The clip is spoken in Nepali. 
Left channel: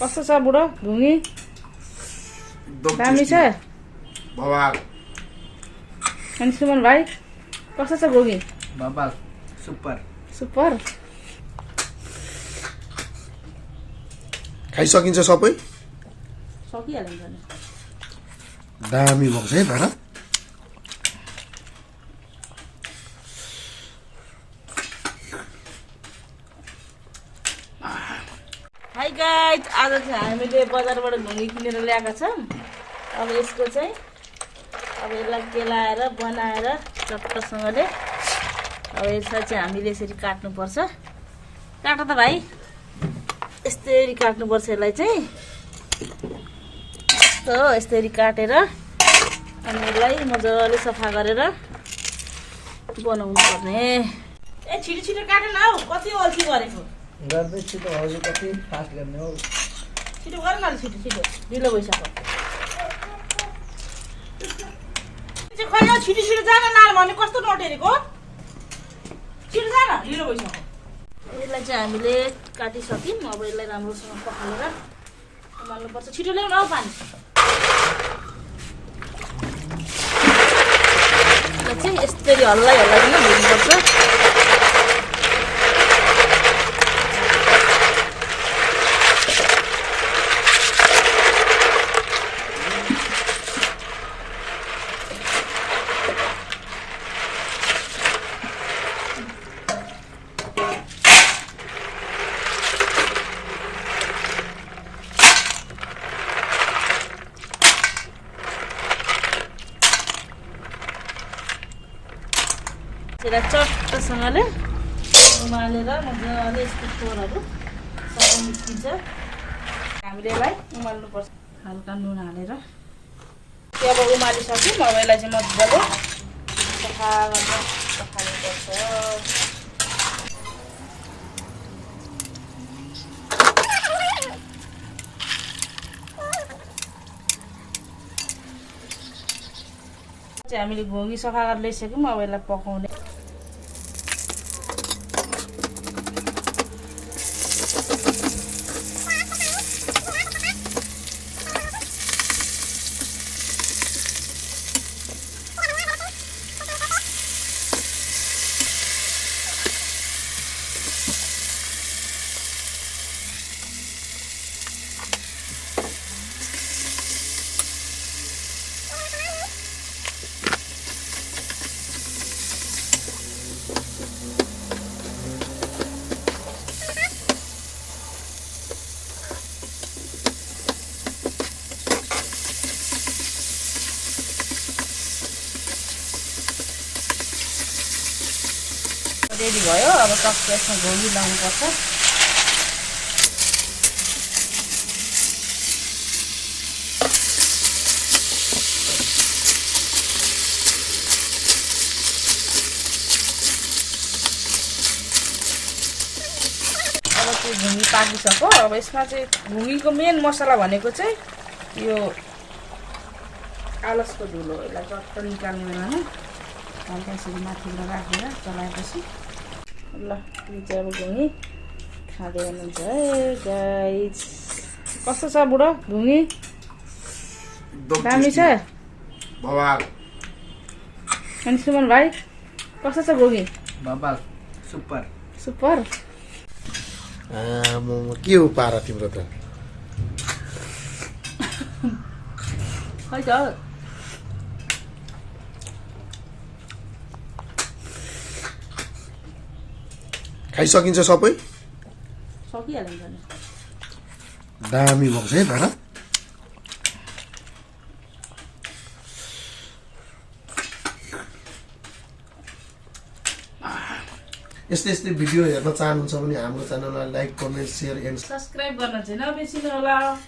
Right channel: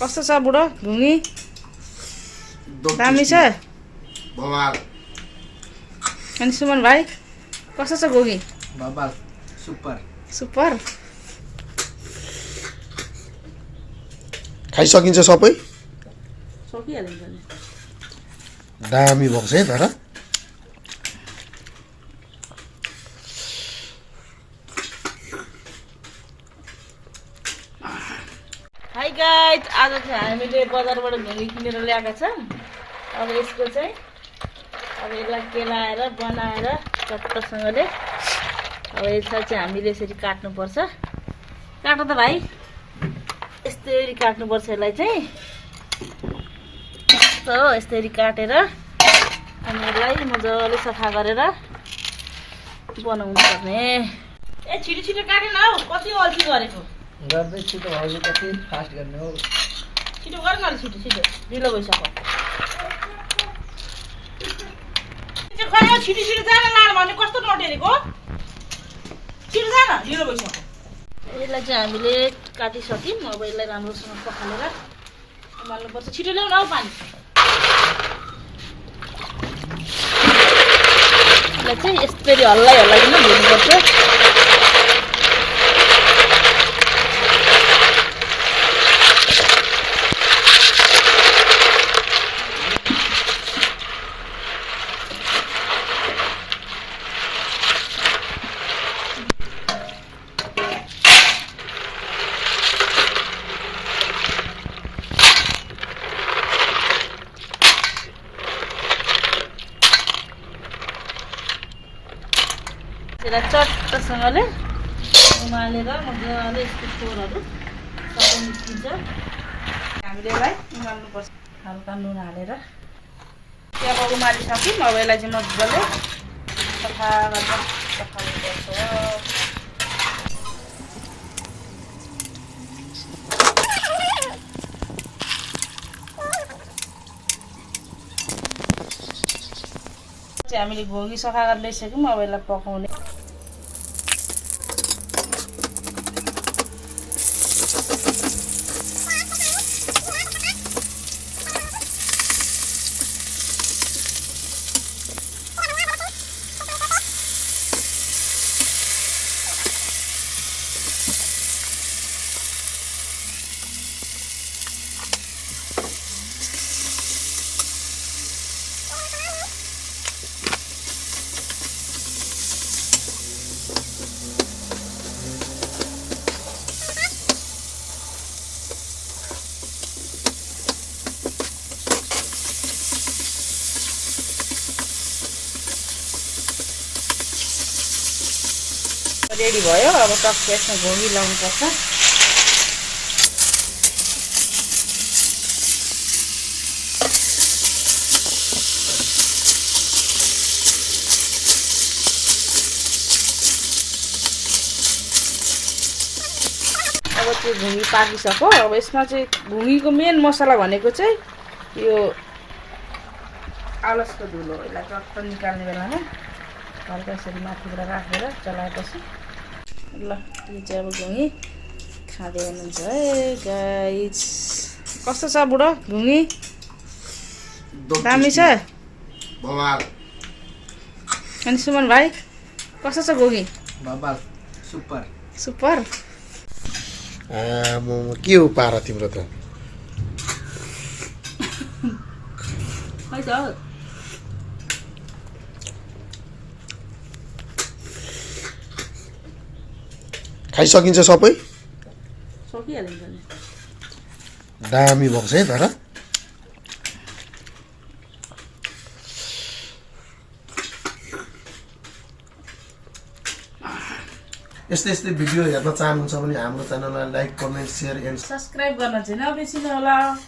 कस्तो छ बुढो घुङ्गी? दामी छ बवाल। अनि सुमन भाइ कस्तो छ घुङ्गी? बवाल सुपर। सुपर। खाइसकिन्छ सबै? सकिहालिन्छ नि। दामी भएको छ है तर। हाई गाइज, आज चाहिँ हामीले बजारबाट घुङ्गी किनेर ल्याएका छौँ। अब यसको चाहिँ यसलाई केलाएर बनाएर चट्टसँगले अब यसलाई चाहिँ हामीले यसरी काट्नुपर्छ। काट त भाइ, यस्तरी काट्नुपर्छ यसलाई चाहिँ। यस्तरी काटेर अनि यसलाई मजाले सफा गरेर बनाउनु पर्ने। ए छिटो छिटो काटेन हौ, कति अल्छी गरेको। गर्दै छिटो भाउजू, कति फास्ट गर्ने हो। छिटो गर न, छिटो छिटो ढिलो भइसक्यो। खै छिटो छिटो जान लानु भने कस्तो नटेरेको। छिटो जान, ढिलो भइसक्यो। यसलाई चाहिँ हामीले काटिसक्यौँ। अब यसलाई राम्रोसँग पखालेर उमाल्नुपर्छ। छिटो ल्याउन हौ पानी। यसलाई चाहिँ यस्तरी हल्लाइ हल्लाइकन भुट्नुपर्छ। यसलाई चट्टसँगले उमालेर मजाले यस्तो फोरहरू सबै निस्किन्छ। हामीले यसलाई उमाल्नुपर्छ हल्का नुन हालेर। अब उमालिसक्यौँ। अब यसलाई चाहिँ मजाले सफा गरेर पखाल्नुपर्छ। हामीले घोगी सफा गरेर ल्याइसक्यौँ। अब यसलाई पकाउने। रेडी भयो। अब टक्क यसमा घोगी लाउनुपर्छ। अब त्यो घुङ्गी पाकिसक्यो। अब यसमा चाहिँ घुङ्गीको मेन मसला भनेको चाहिँ यो आलसको धुलो। यसलाई चट्ट निकाल्ने बेलामा हल्का यसरी माथिबाट राखेर चलाएपछि ल यो चाहिँ अब घुङ्गी खाँदै हुनुहुन्छ है गाइज। कस्तो छ बुढो घुङ्गी? दामी छ बवाल। अनि सुमन भाइ कस्तो छ घुङ्गी? बवाल सुपर। सुपर। के हो पारा तिम्रो त? खै त खाइसकिन्छ सबै? सकिहालिन्छ नि। दामी भएको छ है तर। यस्तै यस्तै भिडियो हेर्न चाहनुहुन्छ भने हाम्रो च्यानललाई like, comment, share and subscribe गर्न चाहिँ नबिर्सिनु होला।